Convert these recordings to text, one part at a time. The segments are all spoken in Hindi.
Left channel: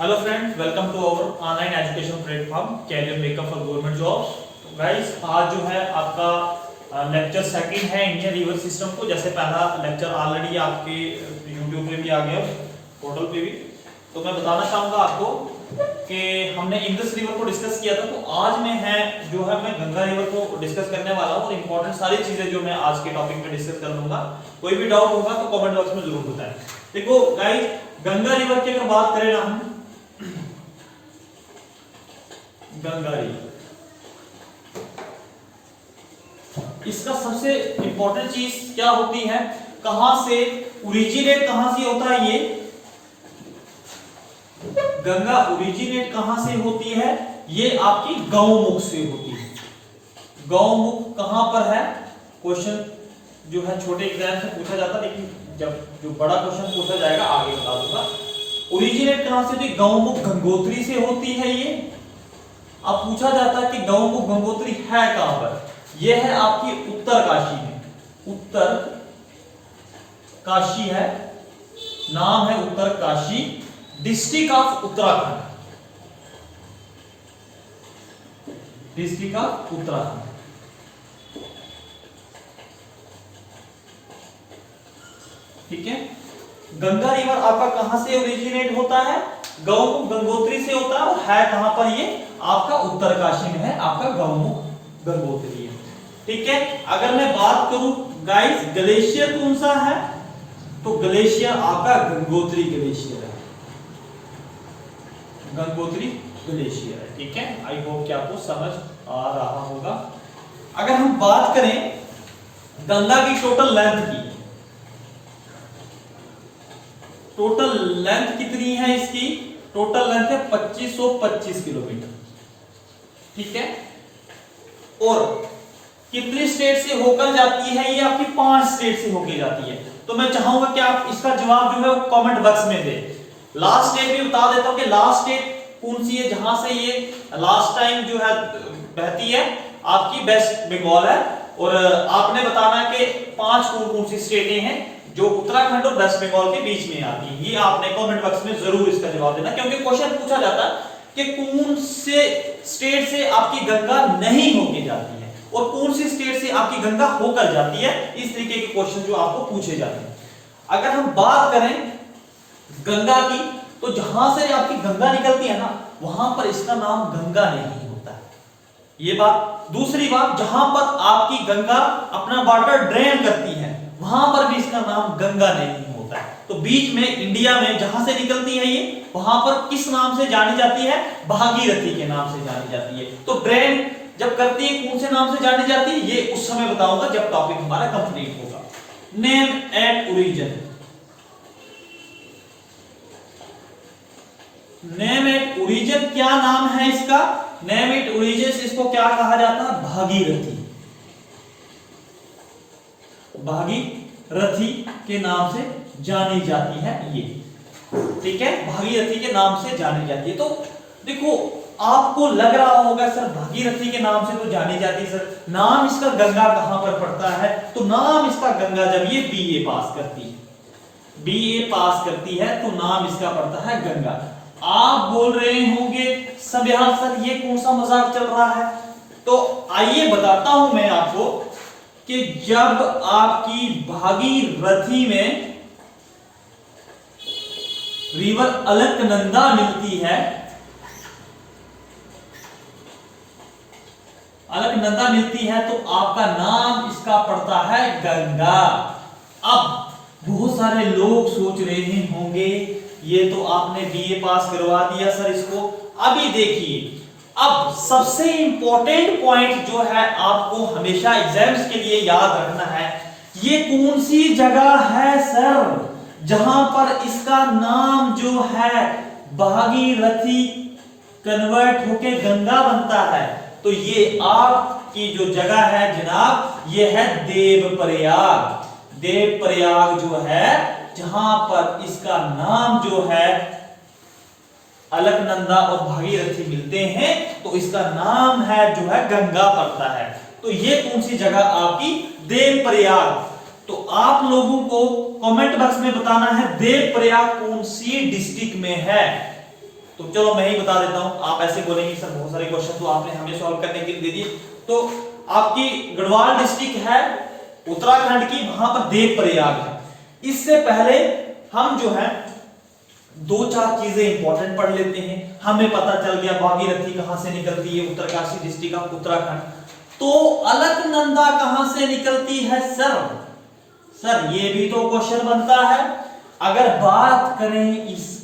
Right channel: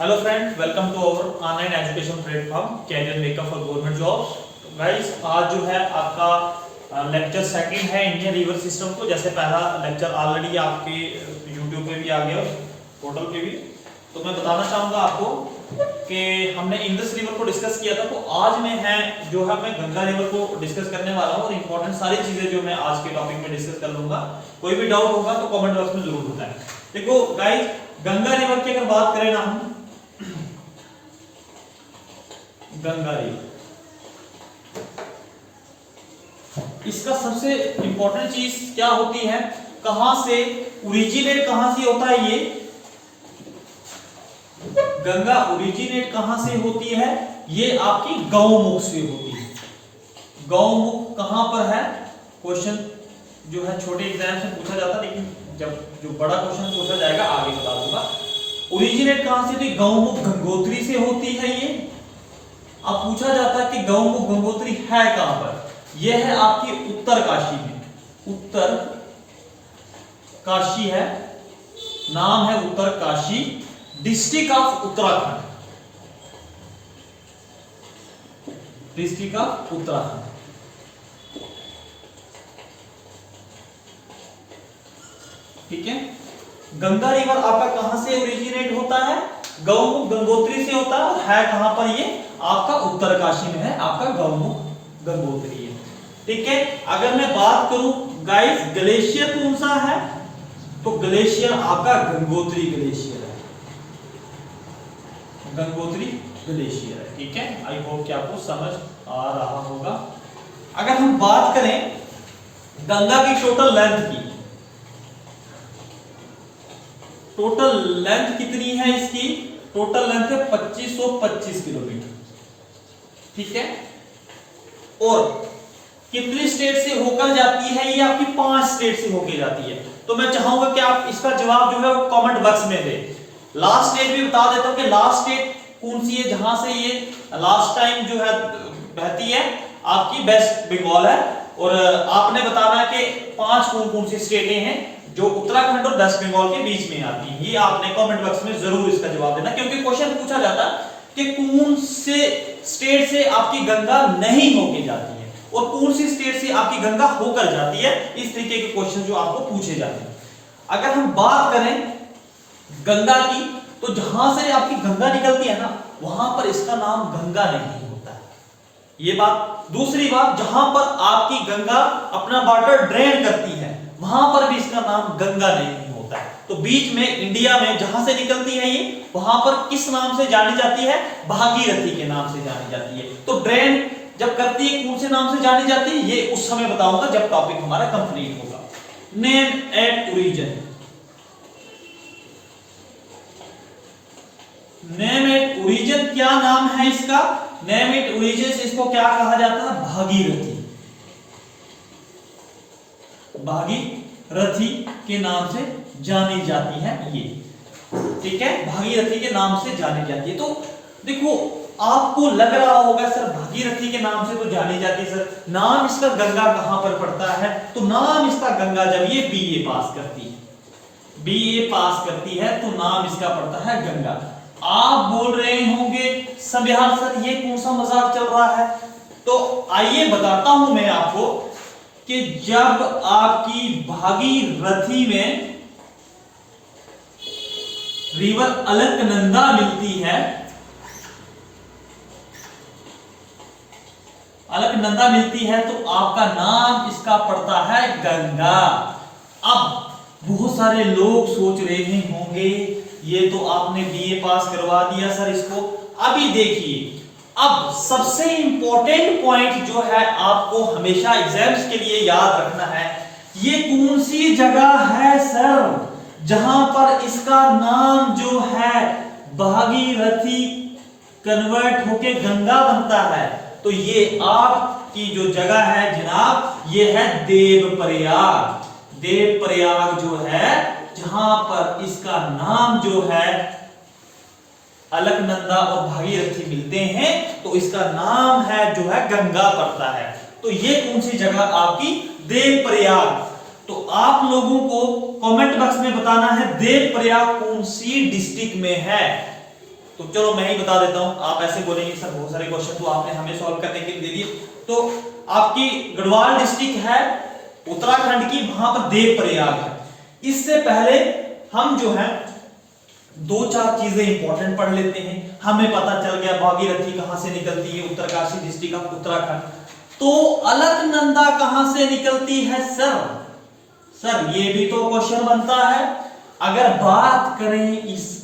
Hello friends, welcome to our online education platform career makeup for government jobs. तो गाइस, आज जो है आपका लेक्चर सेकंड है इंडियन रिवर सिस्टम को। जैसे पहला लेक्चर ऑलरेडी आपके यूट्यूब पे भी आ गया, पोर्टल पे भी। तो मैं बताना चाहूँगा आपको कि हमने इंडस रिवर को डिस्कस किया था। तो आज मैं मैं गंगा रिवर को डिस्कस करने वाला हूँ और इंपॉर्टेंट सारी चीजें जो मैं आज के टॉपिक में डिस्कस कर लूंगा। कोई भी डाउट होगा तो कमेंट बॉक्स में जरूर बताएं। देखो गाइस, गंगा रिवर की अगर बात करें ना हम, गंगा रिवर, इसका सबसे इंपॉर्टेंट चीज क्या होती है, कहां से ओरिजिनेट, कहां से होता है ये गंगा ओरिजिनेट कहां से होती है? ये आपकी गौमुख से होती है। गौमुख कहां पर है? क्वेश्चन जो है छोटे एग्जाम से पूछा जाता है, लेकिन जब जो बड़ा क्वेश्चन पूछा जाएगा आगे बता दूंगा। ओरिजिनेट कहां से होती? गौमुख गंगोत्री से होती है ये। अब पूछा जाता है कि गौमुख गंगोत्री है कहां पर? यह है आपकी उत्तर काशी में। उत्तर काशी है, नाम है Uttarkashi, district of Uttarakhand, district of Uttarakhand. ठीक है, गंगा रिवर आपका कहां से ओरिजिनेट होता है? गौमुख गंगोत्री से होता है। और है कहां पर? ये आपका उत्तरकाशी में है, आपका गौमुख गंगोत्री है। ठीक है, अगर मैं बात करूं गाइस, ग्लेशियर कौन सा है? तो ग्लेशियर आपका गंगोत्री ग्लेशियर है, गंगोत्री ग्लेशियर है। ठीक है, आई होप कि आपको समझ आ रहा होगा। अगर हम बात करें गंगा की टोटल लेंथ की, टोटल लेंथ कितनी है इसकी? टोटल लेंथ है 2525 किलोमीटर। ठीक है, और कितनी स्टेट से होकर जाती है? ये आपकी 5 स्टेट से होकर जाती है। तो मैं चाहूंगा कि आप इसका जवाब जो है वो कमेंट बॉक्स में दे। लास्ट स्टेट भी बता देता हूं कि लास्ट स्टेट कौन सी है जहां से ये लास्ट टाइम जो है बहती है, आपकी वेस्ट बंगाल है। और आपने बताना है कि 5 कौन सी स्टेटें हैं जो उत्तराखंड और वेस्ट बंगाल के बीच में आती है। ये आपने कमेंट बॉक्स में जरूर इसका जवाब देना, क्योंकि क्वेश्चन पूछा जाता है कि कौन से स्टेट से आपकी गंगा नहीं होके जाती है और कौन सी स्टेट से आपकी गंगा होकर जाती है। इस तरीके के क्वेश्चन जो आपको पूछे जाते हैं। अगर हम बात करें गंगा की, तो जहां से आपकी गंगा निकलती है ना, वहां पर इसका नाम गंगा नहीं होता है, ये बात। दूसरी बात, जहां पर आपकी गंगा अपना वाटर ड्रेन करती है, वहां पर भी इसका नाम गंगा नहीं होता है। तो बीच में इंडिया में जहां से निकलती है ये, वहां पर किस नाम से जानी जाती है? भागीरथी के नाम से जानी जाती है। तो ड्रेन जब करती है कौन से नाम से जानी जाती है, ये उस समय बताऊंगा जब टॉपिक हमारा कंप्लीट होगा। Name at origin, name at origin क्या नाम है इसका? नेम एट ओरिजिन से इसको क्या कहा जाता है? भागीरथी, भागीरथी के नाम से जानी जाती है ये। ठीक है, भागीरथी के नाम से जानी जाती है। तो देखो, आपको लग रहा होगा सर भागीरथी के नाम से तो जानी जाती है, सर नाम इसका गंगा कहां पर पड़ता है? तो नाम इसका गंगा जब ये बीए पास करती है, बीए पास करती है, तो नाम इसका पड़ता है गंगा। आप बोल रहे होंगे सब यार सर ये कौन सा मजाक चल रहा है? तो आइए बताता हूं मैं आपको कि जब आपकी भागीरथी में रिवर अलकनंदा मिलती है, अलकनंदा मिलती है, तो आपका नाम इसका पड़ता है गंगा। अब बहुत सारे लोग सोच रहे होंगे ये तो आपने बीए पास करवा दिया सर इसको। अभी देखिए, अब सबसे इंपॉर्टेंट पॉइंट जो है आपको हमेशा एग्जाम्स के लिए याद रखना है, ये कौन सी जगह है सर जहां पर इसका नाम जो है भागीरथी कन्वर्ट होके गंगा बनता है? तो ये आपकी जो जगह है जनाब, ये है देवप्रयाग। देवप्रयाग जो है, जहां पर इसका नाम जो है अलकनंदा और भागीरथी मिलते हैं, तो इसका नाम है जो है गंगा पड़ता है। तो ये कौन सी जगह आपकी? देवप्रयाग। तो आप लोगों को कमेंट बॉक्स में बताना है देवप्रयाग कौन सी डिस्ट्रिक्ट में है। तो चलो मैं ही बता देता हूं, आप ऐसे बोलेंगे सर बहुत सारे क्वेश्चन तो आपने हमें सॉल्व करने के लिए दे दिए। तो आपकी गढ़वाल डिस्ट्रिक्ट है उत्तराखंड की, वहां पर देवप्रयाग है। इससे पहले हम जो है 2-4 चीजें इंपॉर्टेंट पढ़ लेते हैं। हमें पता चल गया भागीरथी कहां से निकलती है, उत्तरकाशी डिस्ट्रिक्ट ऑफ उत्तराखंड। तो अलकनंदा कहां से निकलती है सर ये भी तो क्वेश्चन बनता है। अगर बात करें इसके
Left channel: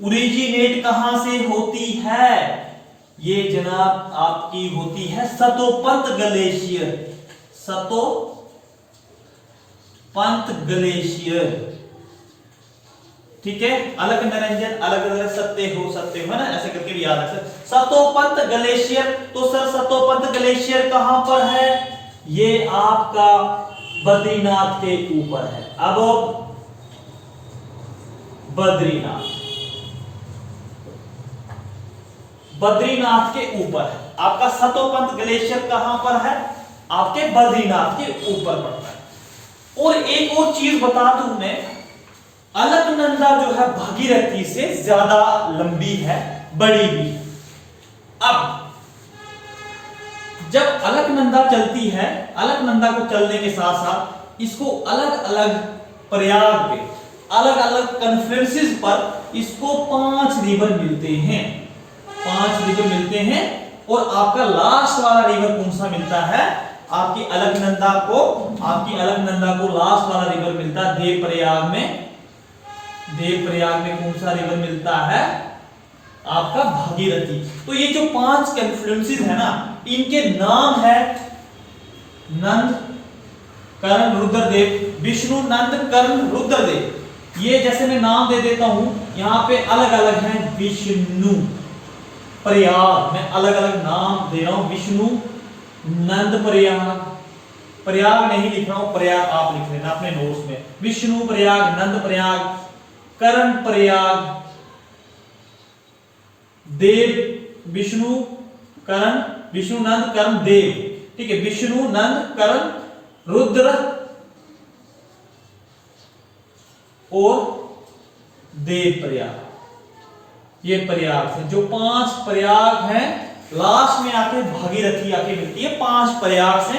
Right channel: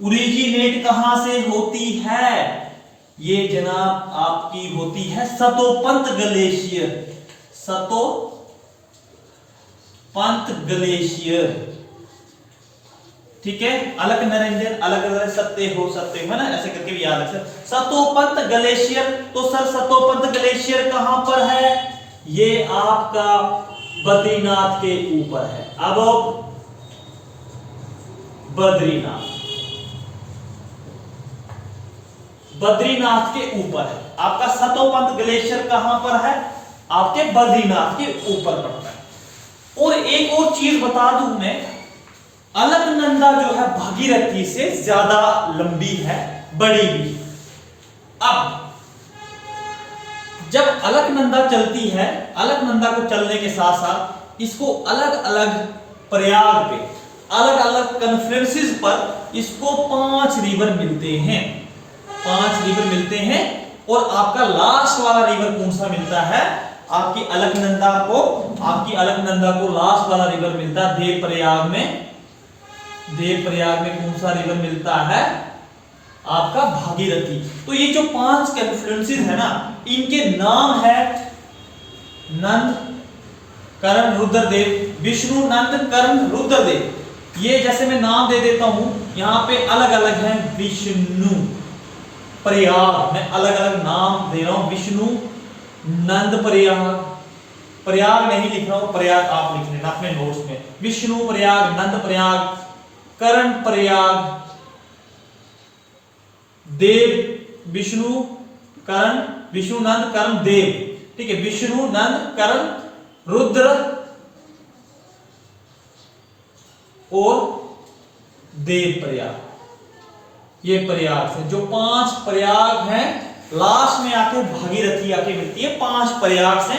ओरिजिनेट कहां से होती है, ये जनाब आपकी होती है सतोपंत ग्लेशियर, सतोपंत ग्लेशियर, ठीक है। अलग निरंजन अलग सत्य हो है ना, ऐसे करके भी याद रखें। सतोपंत ग्लेशियर, तो सर सतोपंत ग्लेशियर कहां पर है, ये आपका बद्रीनाथ के ऊपर है। अब बद्रीनाथ के ऊपर है आपका सतोपंत ग्लेशियर, कहां पर है, आपके बद्रीनाथ के ऊपर पड़ता है। और एक और चीज बता दूं मैं, अलकनंदा जो है भागीरथी से ज्यादा लंबी है, बड़ी भी। अब जब अलकनंदा चलती है, अलकनंदा को चलने के साथ साथ इसको अलग अलग प्रयाग पे, अलग अलग कॉन्फ्रेंसेस पर इसको 5 रिवर मिलते हैं, 5 रिवर मिलते हैं। और आपका लास्ट वाला रिवर कौन सा मिलता है, आपकी अलकनंदा को लास्ट वाला रिवर मिलता है देवप्रयाग में। देवप्रयाग में कौन सा रिवर मिलता है, आपका भागीरथी। तो ये जो 5 कॉन्फ्लुएंसेस है ना, इनके नाम है नंद, कर्ण, रुद्रदेव, विष्णु, नंद, कर्ण, रुद्रदेव। ये जैसे मैं नाम दे देता हूं, यहां पे अलग अलग हैं, विष्णु प्रयाग, मैं अलग अलग नाम दे रहा हूं, विष्णु नंद प्रयाग, प्रयाग नहीं लिख रहा हूं, प्रयाग आप लिख लेना अपने नोट्स में। विष्णु प्रयाग, नंद प्रयाग, कर्ण प्रयाग, देव, विष्णु कर्ण, विष्णु नंद कर्ण देव, ठीक है। विष्णु नंद कर्ण रुद्र और देव प्रयाग, ये प्रयाग से जो 5 प्रयाग हैं, लास्ट में आके भागीरथी आके मिलती है, 5 प्रयाग से।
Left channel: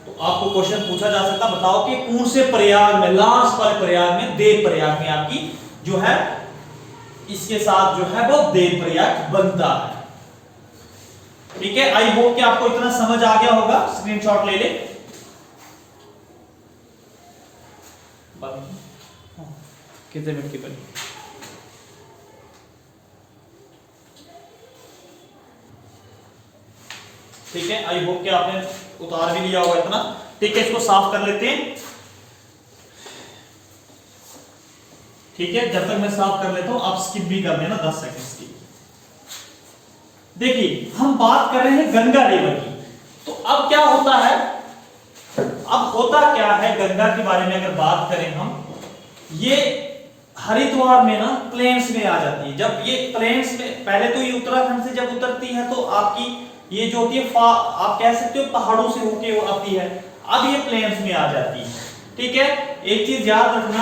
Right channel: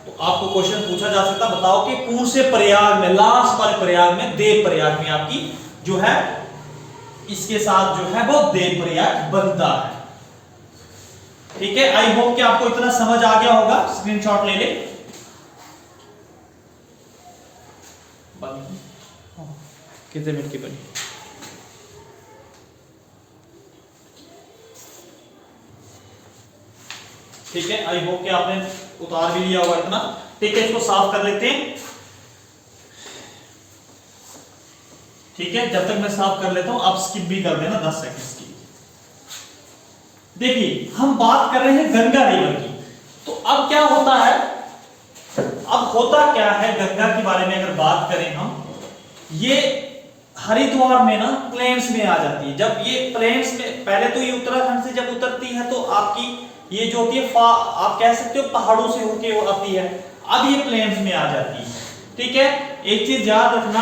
तो आपको क्वेश्चन पूछा जा सकता, बताओ कि कौन से प्रयाग में, लास्ट वाले प्रयाग में, देव प्रयाग में आपकी जो है इसके साथ जो है वो देव प्रयाग बनता है, ठीक है। आई होप कि आपको इतना समझ आ गया होगा, स्क्रीनशॉट ले ले। कितने मिनट की बनी, ठीक है। आई होप कि आपने उतार भी लिया होगा इतना, ठीक है। इसको साफ कर लेते हैं, ठीक है। जब तक मैं साफ कर लेता हूं, आप स्किप भी कर देना 10 सेकंड की। देखिए हम बात कर रहे हैं गंगा रिवर की, तो अब क्या होता है, अब होता क्या है गंगा के बारे में अगर बात करें हम, ये हरिद्वार में ना प्लेन्स में आ जाती है। जब ये प्लेन्स में, पहले तो ये उत्तराखंड से जब उतरती है तो आपकी ये जो होती है आप कह सकते हो पहाड़ों से होके आती है, अब ये प्लेन्स में आ जाती है, ठीक है। एक चीज याद रखना,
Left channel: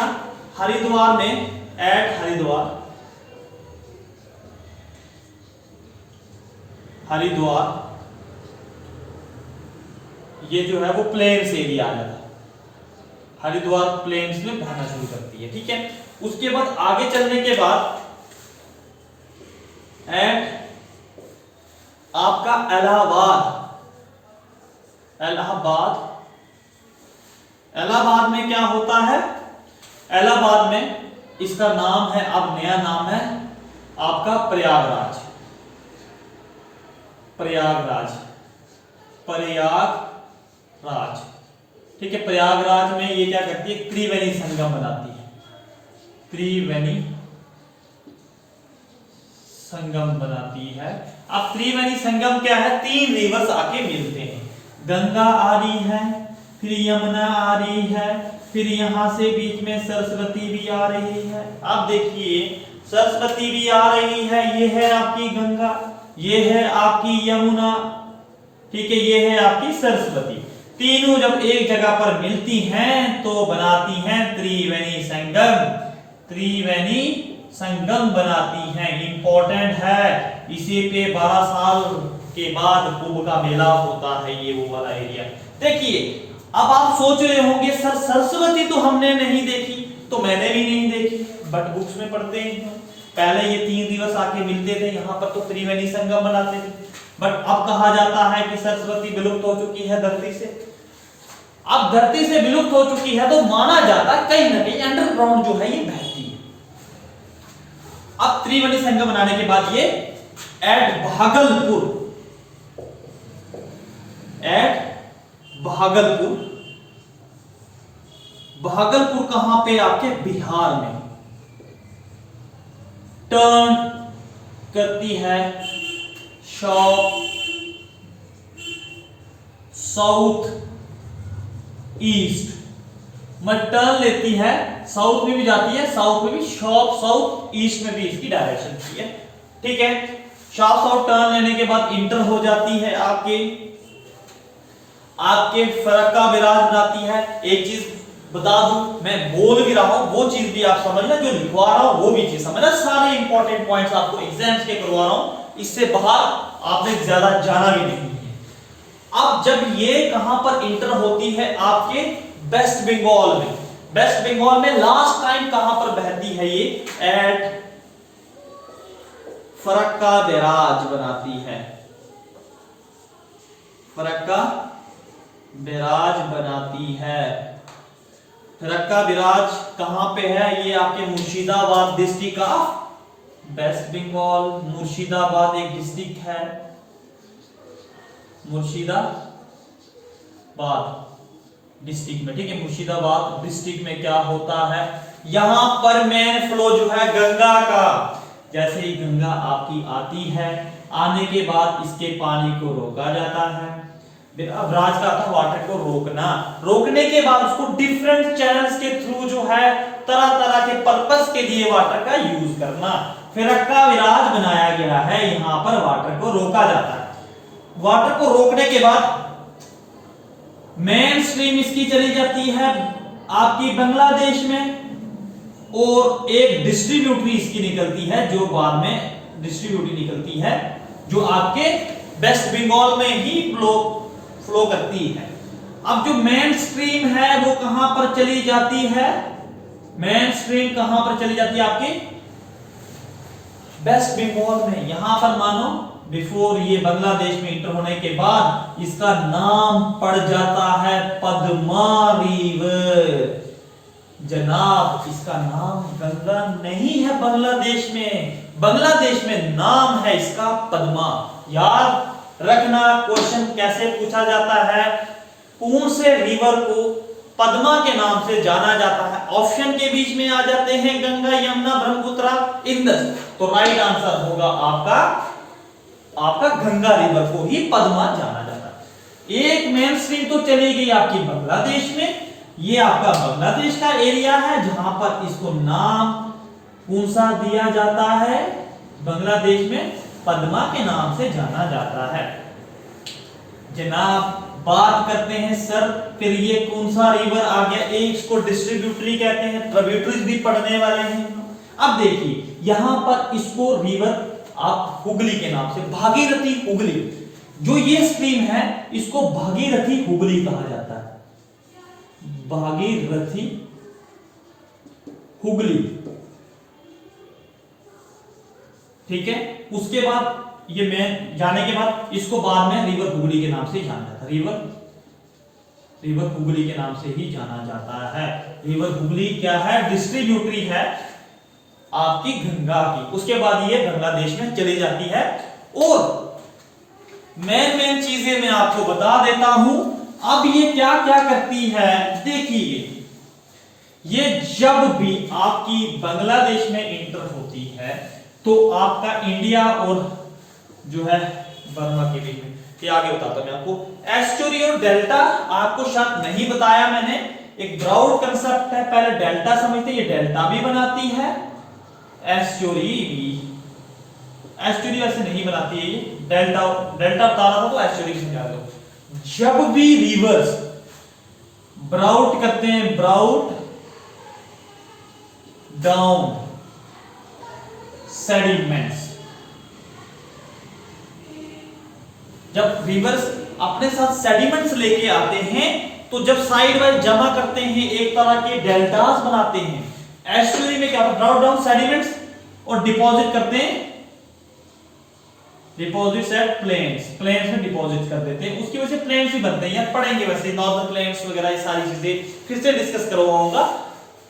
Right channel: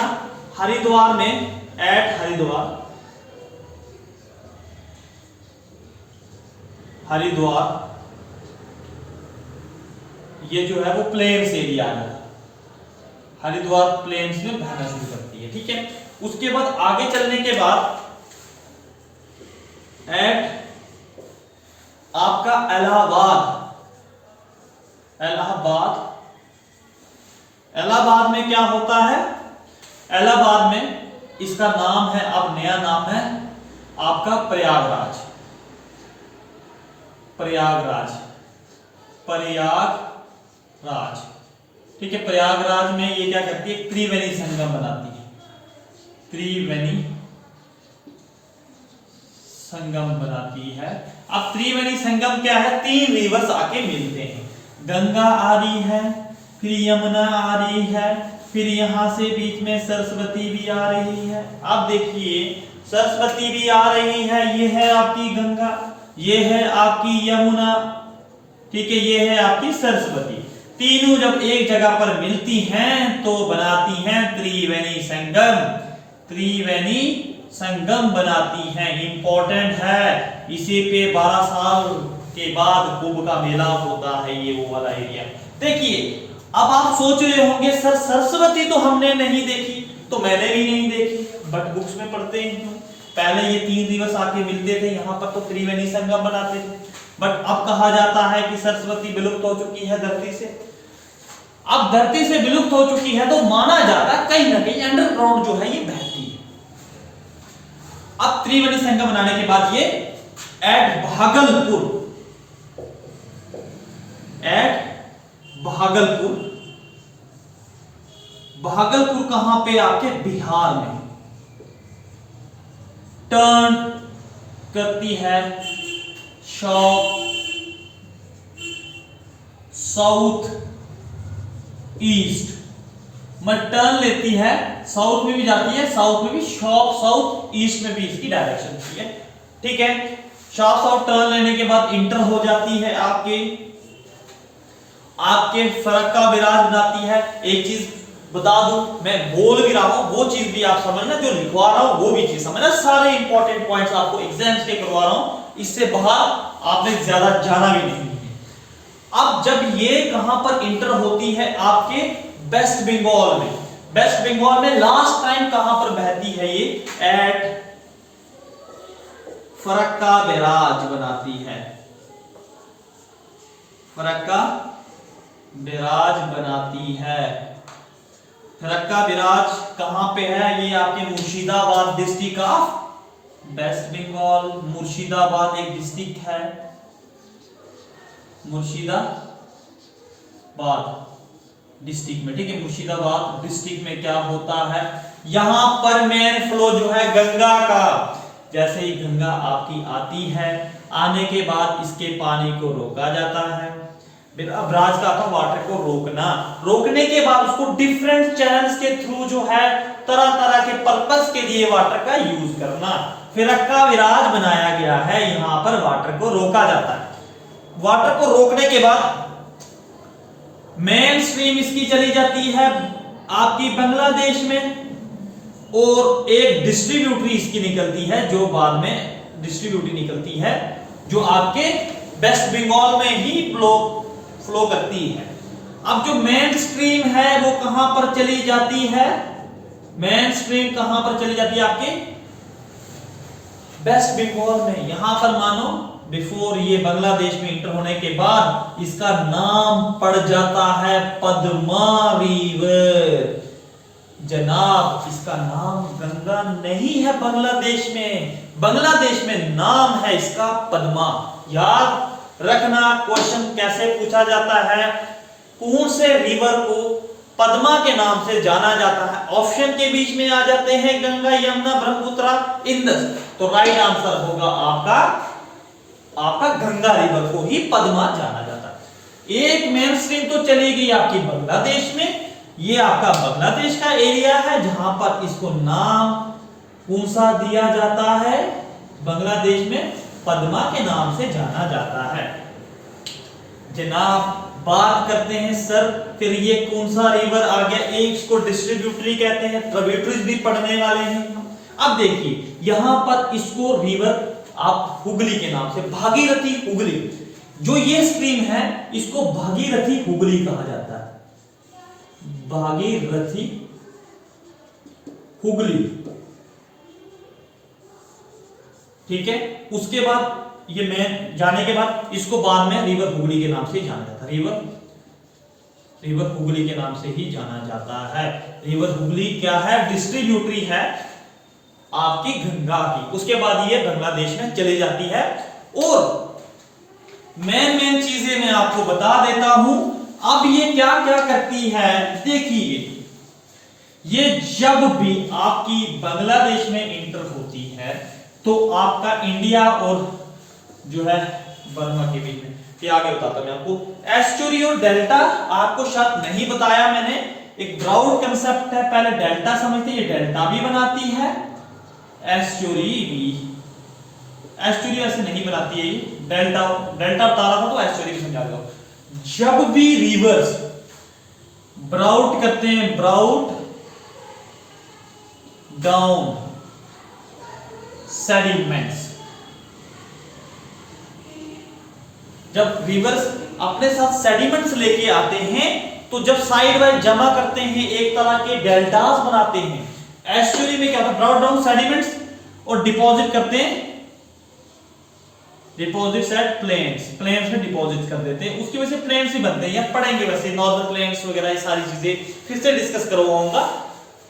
हरिद्वार में, एट हरिद्वार ये जो है वो प्लेन्स एरिया है, हरिद्वार प्लेन्स में बहना शुरू करती है, ठीक है। उसके बाद आगे चलने के बाद एट आपका इलाहाबाद में क्या होता है, इलाहाबाद में इसका नाम है, अब नया नाम है आपका प्रयागराज, ठीक है। प्रयागराज में ये क्या करती है, त्रिवेणी संगम बनाती है, त्रिवेणी संगम बनाती है। अब त्रिवेणी संगम क्या है, 3 रिवर्स आके मिलते हैं, गंगा आ रही है, फिर यमुना आ रही है, फिर यहां से बीच में सरस्वती भी आ रही है। अब देखिए सरस्वती भी आ रही है, ये है आपकी गंगा, ये है आपकी यमुना, ठीक है, ये है आपकी सरस्वती। तीनों जब एक जगह पर मिलती हैं तो बनाती हैं त्रिवेणी संगम, त्रिवेणी संगम बनाती हैं। इंपॉर्टेंट है, इसी पे 12 साल के बाद कुंभ का मेला होता है, ये वो वाला एरिया। देखिए अब आप सोच रहे होंगे सर सरस्वती तो हमने नहीं देखी, तो मैंने भी नहीं देखी, बट बुक्स में पढ़ते हैं। पहले ये 3 दिवस आके मिलते थे यहाँ पर, तो त्रिवेणी संगम बनाते थे। बट अब कहा जाता है कि सरस्वती विलुप्त हो चुकी है धरती से। अब धरती से विलुप्त हो चुकी है तो माना जाता है कहीं ना कहीं अंडरग्राउंड जो है ये बहती है। अब त्रिवेणी संगम बनाने के बाद ये एट भागलपुर कहां पे? आपके बिहार में टर्न करती है साउथ ईस्ट, मतलब टर्न लेती है, साउथ में भी जाती है, साउथ में भी साउथ ईस्ट में भी इसकी डायरेक्शन होती है। ठीक है, साउथ टर्न लेने के बाद इंटर हो जाती है आपके फरक्का बिराज बनाती है। एक चीज बता दूं, मैं बोल भी रहा हूं वो चीज भी आप समझना, जो लिखवा रहा हूं वो भी चीज समझना। सारे इंपॉर्टेंट पॉइंट्स आपको एग्जाम्स के करवा रहा हूं, इससे बाहर आपने ज्यादा जाना भी नहीं है। अब जब ये कहां पर इंटर होती है? आपके वेस्ट बंगाल में। वेस्ट बंगाल में लास्ट टाइम कहां पर बहती है ये? एट फरक्का बैराज बनाती है, फरक्का बैराज बनाती है। फरक्का बैराज कहां पे है? ये आपके मुर्शिदाबाद डिस्ट्रिक्ट ऑफ वेस्ट बंगाल। मुर्शिदाबाद एक डिस्ट्रिक्ट है, मुर्शिदाबाद डिस्ट्रिक्ट में। ठीक है, मुर्शिदाबाद डिस्ट्रिक्ट में क्या होता है? यहां पर मेन फ्लो जो है गंगा का, जैसे ही गंगा आपकी आती है, आने के बाद इसके पानी को रोका जाता है। अब राज का था वाटर को रोकना, रोकने के बाद उसको डिफरेंट चैनल्स के थ्रू जो है तरह तरह के पर्पस के लिए वाटर का यूज करना। फरक्का बैराज बनाया गया है, यहां पर वाटर को रोका जाता है। वाटर को रोकने के बाद मेन स्ट्रीम इसकी चली जाती है आपकी बांग्लादेश में, और एक डिस्ट्रीब्यूटरी इसकी निकलती है जो बाद में डिस्ट्रीब्यूटरी निकलती है, जो आपके वेस्ट बंगाल में ही फ्लो करती है। अब जो मेन स्ट्रीम है वो कहां पर चली जाती है? मेन स्ट्रीम कहां पर चली जाती है? आपके वेस्ट बंगाल में। यहां पर मानो बिफोर ये बांग्लादेश में इंटर होने के बाद इसका नाम पड़ जाता है पद्मा रिवर। जनाब इसका नाम गंगा नहीं है बांग्लादेश में, बांग्लादेश में नाम है इसका पद्मा। याद रखना, क्वेश्चन कैसे पूछा जाता है, कौन से रिवर को पद्मा के नाम से जाना जाता है? ऑप्शन के बीच में आ जाते हैं गंगा, यमुना, ब्रह्मपुत्र, इंदस, तो राइट आंसर होगा आपका गंगा रिवर को ही पद्मा जाना जाता है। एक मेन स्ट्रीम तो चली गई आपकी बांग्लादेश में, ये आपका बांग्लादेश का एरिया है जहां पर इसको नाम कौन सा दिया जाता है? बांग्लादेश में पद्मा के नाम से जाना जाता है। जनाब बात करते हैं सर फिर ये कौन सा रिवर आ गया? एक इसको डिस्ट्रीब्यूटरी कहते हैं, ट्रिब्यूटरीज भी पढ़ने वाले हैं। अब देखिए यहां पर इसको रिवर आप हुगली के नाम से, भागीरथी हुगली, जो ये स्ट्रीम है इसको भागीरथी हुगली कहा जाता है, भागीरथी हुगली। ठीक है, उसके बाद ये मैं जाने के बाद इसको बाद में रिवर हुगली के नाम से जाना जाता है, रिवर हुगली के नाम से ही जाना जाता है। रिवर हुगली क्या है? डिस्ट्रीब्यूटरी है आपकी गंगा की। उसके बाद ये बांग्लादेश में चली जाती है। और मेन चीजें मैं आपको बता देता हूं। अब ये क्या क्या करती है देखिए, ये जब भी आपकी बांग्लादेश में इंटर होती है तो आपका इंडिया और जो है बर्मा के बीच में, ये आगे बताता हूं मैं आपको। एस्चुरी और डेल्टा आपको शायद नहीं बताया मैंने, एक ब्रॉड कंसेप्ट है, पहले डेल्टा समझते, ये डेल्टा भी बनाती है, एस्चुरी वैसे नहीं बनाती है, ये डेल्टा बता रहा था तो एस्चुरी भी समझा दो। जब भी रिवर्स ब्राउट करते हैं, ब्राउट डाउन, सेडिमेंट्स। जब रिवर्स अपने साथ सेडिमेंट्स लेके आते हैं तो जब साइड वाइज जमा करते हैं एक तरह के डेल्टास बनाते हैं। एस्चुरी में क्या होता है, ब्रॉट डाउन सेडिमेंट्स और डिपॉजिट करते हैं, डिपॉजिट्स एट प्लेन्स, प्लेन्स में डिपॉजिट कर देते हैं, उसकी वजह से प्लेन्स ही बनते हैं। यार पढ़ेंगे वैसे नॉर्मल प्लेन्स वगैरह ये सारी चीजें फिर से डिस्कस करवाऊंगा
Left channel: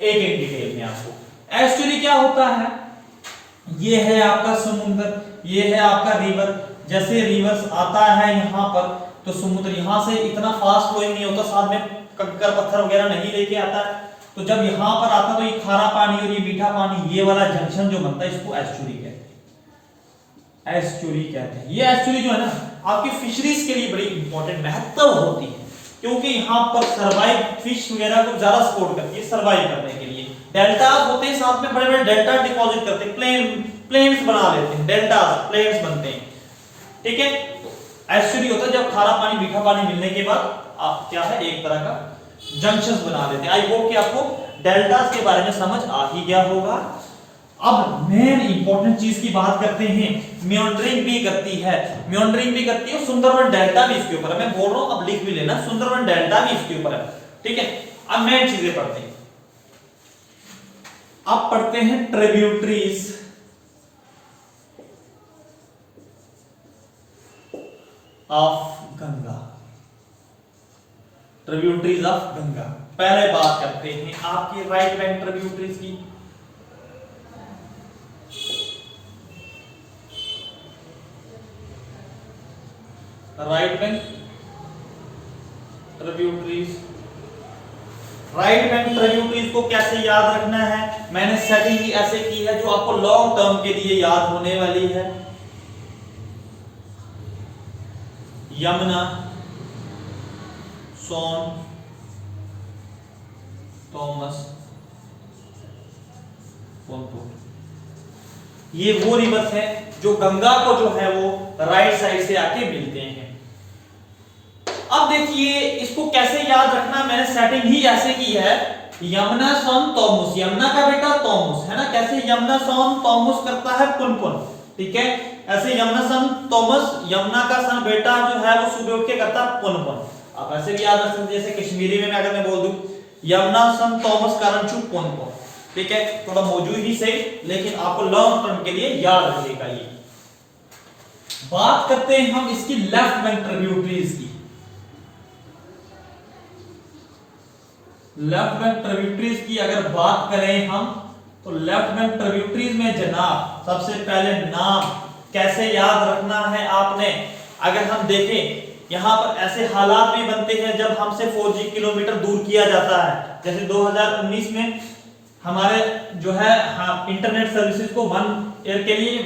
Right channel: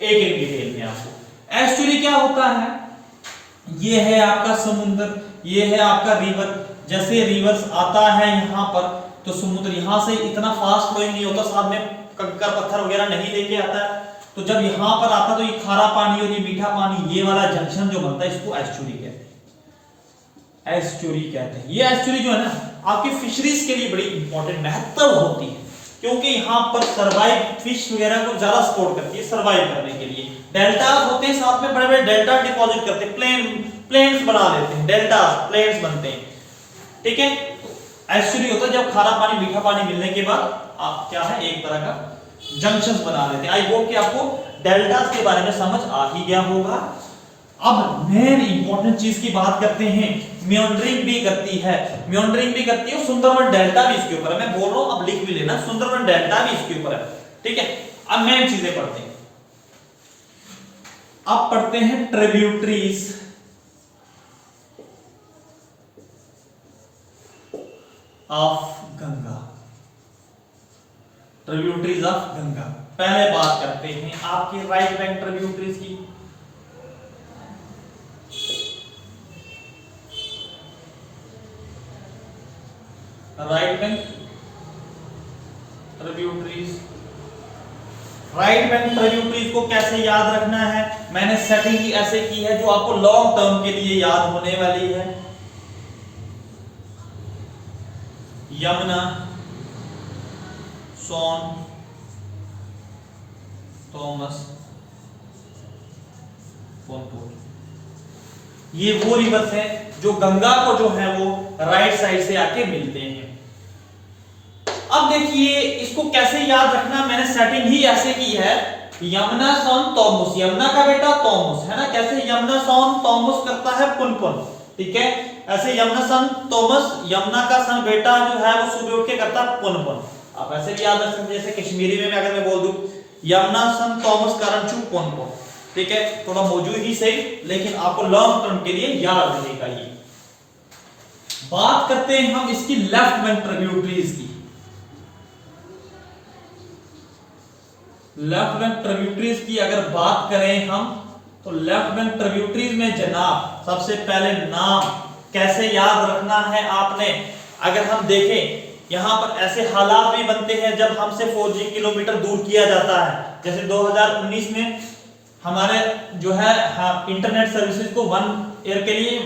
एक एक डिटेल में आपको। एस्चुरी क्या होता है, ये है आपका समुद्र, ये है आपका रिवर। जैसे रिवर्स आता है यहाँ पर तो समुद्र यहाँ से इतना फास्ट फ्लोइंग नहीं होता, साथ में कंकर पत्थर वगैरह नहीं लेके आता है, तो जब यहाँ पर आता तो ये खारा पानी और ये मीठा पानी, ये वाला जंक्शन जो बनता है इसको एस्चुरी कहते हैं, एस्चुरी कहते हैं। ये एस्चुरी जो है ना आपकी फिशरीज के लिए बड़ी इंपॉर्टेंट महत्व होती है, क्योंकि यहाँ पर सर्वाइव फिश वगैरह को ज्यादा सपोर्ट करती है सर्वाइव करने के लिए। डेल्टा होते हैं, साथ में बड़े बड़े डेल्टा डिपॉजिट करते हैं, प्लेन्स बना लेते हैं, डेल्टा प्लेन्स बनते हैं, ठीक है। एस्चुरी होता है जब खारा पानी मीठा पानी मिलने के बाद आप क्या है एक तरह का जंक्शंस बना लेते हैं। आई होप कि आपको डेल्टास के बारे में समझ आ ही गया होगा। अब मेन इंपॉर्टेंट चीज की बात करते हैं, मेंडरिंग भी करती है, मेंडरिंग भी करती है, सुंदरबन डेल्टा भी इसके ऊपर है। मैं बोल रहा हूं अब लिख भी लेना, सुंदरबन डेल्टा भी इसके ऊपर है, ठीक है। अब मेन चीजें पढ़ते हैं, अब पढ़ते हैं tributaries of Ganga, tributaries of Ganga. पहले बात करते हैं आपकी राइट बैंक ट्रिब्यूटरीज की। Right bank tributaries, right bank tributaries को कैसे याद रखना है, मैंने सेटिंग ही ऐसे की है जो आपको लॉन्ग टर्म के लिए याद होने वाली है। यमुना, सोन, थॉमस, ये वो रिवर्स है जो गंगा को जो है वो राइट साइड से आके मिलते हैं। अब देखिए इसको कैसे याद रखना, मैंने सेटिंग ही ऐसे की है, यमुना सोन तोमुस, यमुना का बेटा तोमुस है ना, कैसे यमुना सोन तोमुस करता है पुनपुन, ठीक है। ऐसे यमुना सन तोमस, यमुना का सन बेटा जो है वो सुबह उठ के करता है पुनपुन। आप ऐसे भी याद रख सकते हैं, जैसे कश्मीरी में अगर मैं बोल दूं यमुना सन तोमस कारणचू पुनपुन, ठीक है। थोड़ा मौजूद ही सही, लेकिन आपको लॉन्ग टर्म के लिए याद रहेगा ये। बात करते हैं हम इसकी लेफ्ट बैंक ट्रिब्यूटरीज की। लेफ्ट बैंक ट्रिब्यूटरीज की अगर बात करें हम तो लेफ्ट बैंक ट्रिब्यूटरीज में जनाब सबसे पहले नाम कैसे याद रखना है आपने, अगर हम देखें यहां पर ऐसे हालात भी बनते हैं जब हमसे 4G किलोमीटर दूर किया जाता है। जैसे 2019 में हमारे जो है इंटरनेट सर्विसेज को 1 ईयर के लिए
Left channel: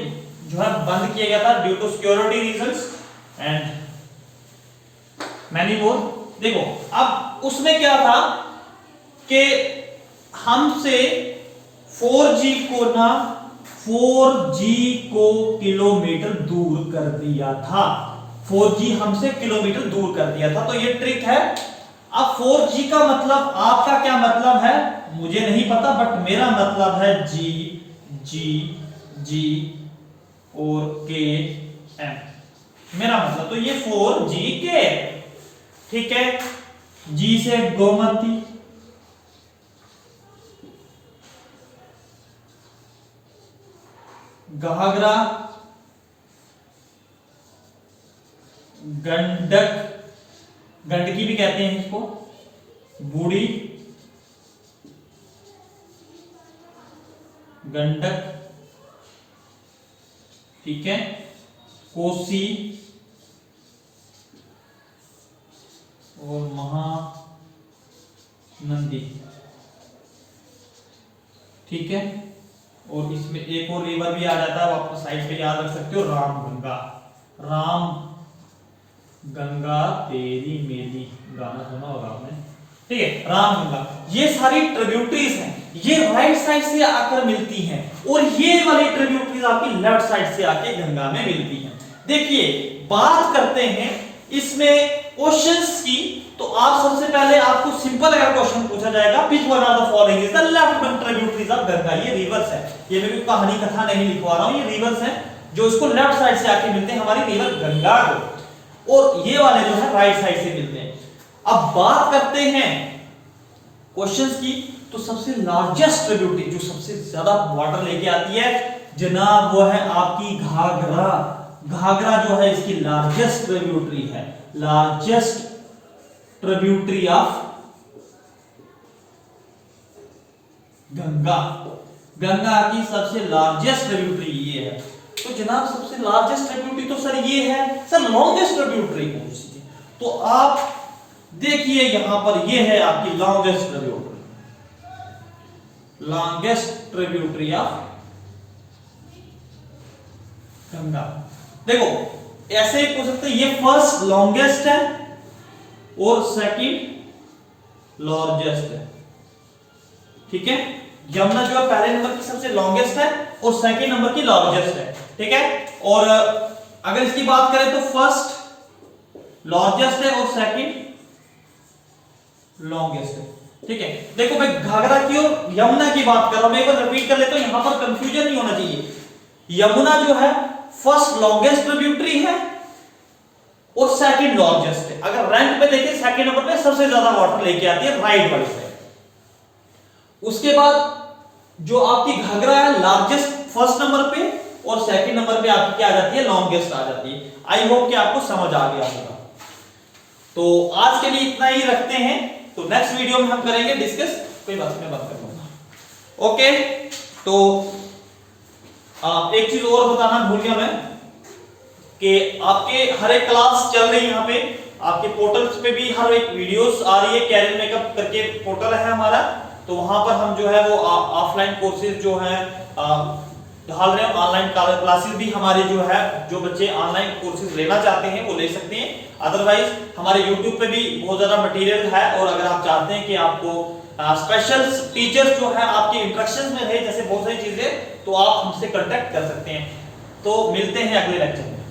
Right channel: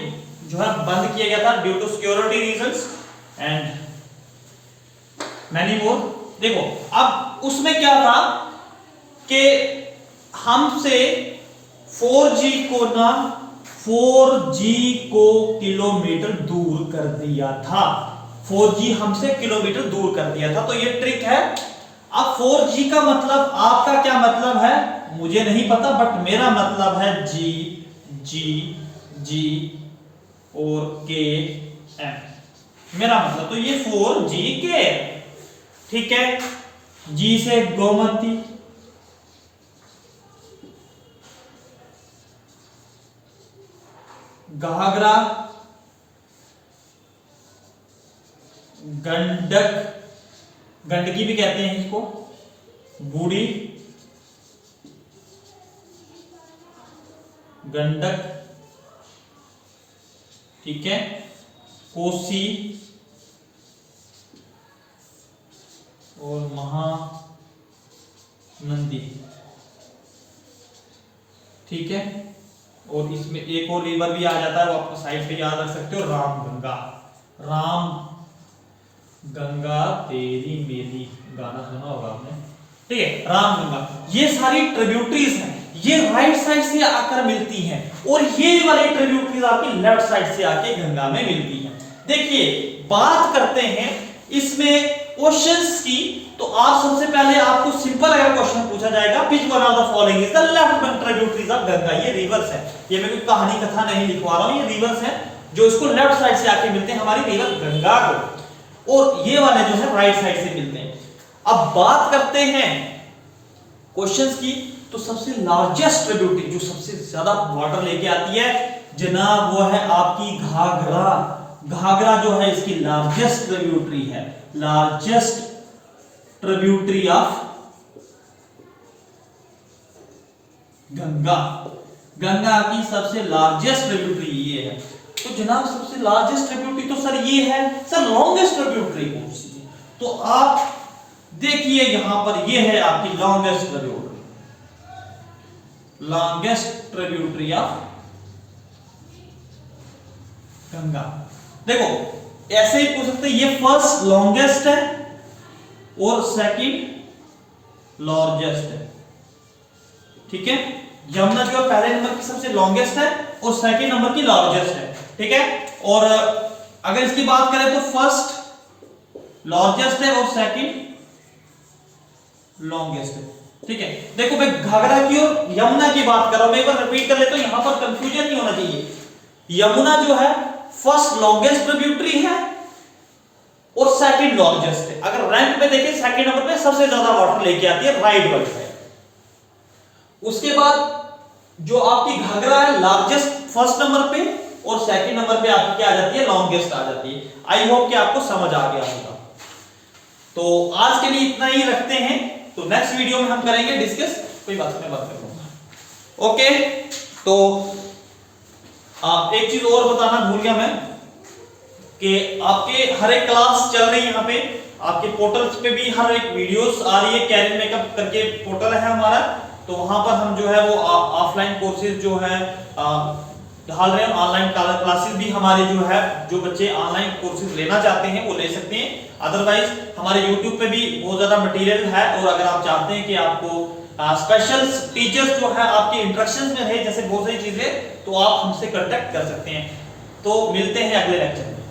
जो है बंद किया गया था due to security reasons and many more. देखो अब उसमें क्या था कि हमसे 4G को किलोमीटर दूर कर दिया था, 4G हमसे किलोमीटर दूर कर दिया था, तो ये ट्रिक है। अब 4G का मतलब आपका क्या मतलब है मुझे नहीं पता, बट मेरा मतलब है G और KM, मेरा मतलब तो ये 4G के, ठीक है। G से गोमती, घाघरा, गंडक, गंडकी भी कहते हैं इसको, बूढ़ी, गंडक, ठीक है, कोसी और महानंदी, ठीक है। और इसमें एक और रिवर भी आ जाता है, वो आप साइड पे याद रख सकते हो, रामगंगा, राम गंगा तेरी मेरी, गाना सुना होगा आपने, ठीक है, रामगंगा। ये सारी ट्रिब्यूटरीज हैं, ये राइट साइड से आकर मिलती हैं और ये वाली ट्रिब्यूटरीज आपकी लेफ्ट साइड से आके गंगा में मिलती हैं। देखिए बात करते हैं इसमें क्वेश्चंस की, तो आप सबसे पहले आपको सिंपल अगर क्वेश्चन पूछा जाएगा, which one of the following is the left bank tributaries of Ganga, ये रिवर्स है, ये मैं कोई कहानी कथा नहीं लिखवा रहा हूं, ये रिवर्स है जो इसको लेफ्ट साइड से आके मिलते हैं हमारी रिवर गंगा को, और ये वाले जो है राइट साइड से मिलते हैं। अब बात करते हैं क्वेश्चंस की, तो सबसे लार्जेस्ट ट्रिब्यूटरी जो सबसे ज्यादा वाटर लेके आती है जनाब, वो है आपकी घाघरा। घाघरा जो है इसकी लार्जेस्ट ट्रिब्यूटरी है, largest tributary of Ganga. Ganga की सबसे लार्जेस्ट ट्रिब्यूटरी ये है। तो जनाब सबसे लार्जेस्ट ट्रिब्यूटरी तो सर ये है, सर लॉन्गेस्ट ट्रिब्यूटरी कौन सी है? तो आप देखिए यहां पर ये है आपकी longest tributary, longest tributary of Ganga. देखो ऐसे ही पूछ सकते हैं, ये फर्स्ट लॉन्गेस्ट है और सेकंड लार्जेस्ट है, ठीक है। यमुना जो है पहले नंबर की सबसे लॉन्गेस्ट है और सेकंड नंबर की लार्जेस्ट है, ठीक है। और अगर इसकी बात करें तो फर्स्ट लार्जेस्ट है और सेकंड लॉन्गेस्ट है, ठीक है। देखो मैं घाघरा की और यमुना की बात कर रहा हूं, मैं एक बार रिपीट कर लेता हूं, यहां पर कंफ्यूजन नहीं होना चाहिए। यमुना जो है फर्स्ट लॉन्गेस्ट ट्रिब्यूटरी है और सेकंड लार्जेस्ट है। अगर रैंक पे देखें सेकंड नंबर पे सबसे ज्यादा वाटर लेके आती है राइट वाली साइड। उसके बाद जो आपकी घाघरा है लार्जेस्ट फर्स्ट नंबर पे और सेकंड नंबर पे आपकी क्या आ जाती है, लॉन्गेस्ट आ जाती है। आई होप कि आपको समझ आ गया होगा। तो आज के लिए इतना ही रखते हैं, तो नेक्स्ट वीडियो में हम करेंगे डिस्कस, कोई बात मैं बात कर लूंगा। ओके, तो एक चीज और बताना भूल गया मैं कि आपके हर एक क्लास चल रही है, यहाँ पे आपके पोर्टल्स पे भी हर एक वीडियोस आ रही है, कैरियर मेकअप करके पोर्टल है हमारा, तो वहां पर हम जो है वो ऑफलाइन कोर्सेज जो है डाल रहे हैं। ऑनलाइन क्लासेस भी हमारे जो है, जो बच्चे ऑनलाइन कोर्सेज लेना चाहते हैं वो ले सकते हैं। अदरवाइज हमारे YouTube पे भी बहुत ज्यादा मटेरियल है, और अगर आप चाहते हैं कि आपको स्पेशल टीचर्स जो है आपके इंस्ट्रक्शंस में रहे, जैसे बहुत सारी चीजें, तो आप हमसे कांटेक्ट कर सकते हैं। तो मिलते हैं अगले लेक्चर में।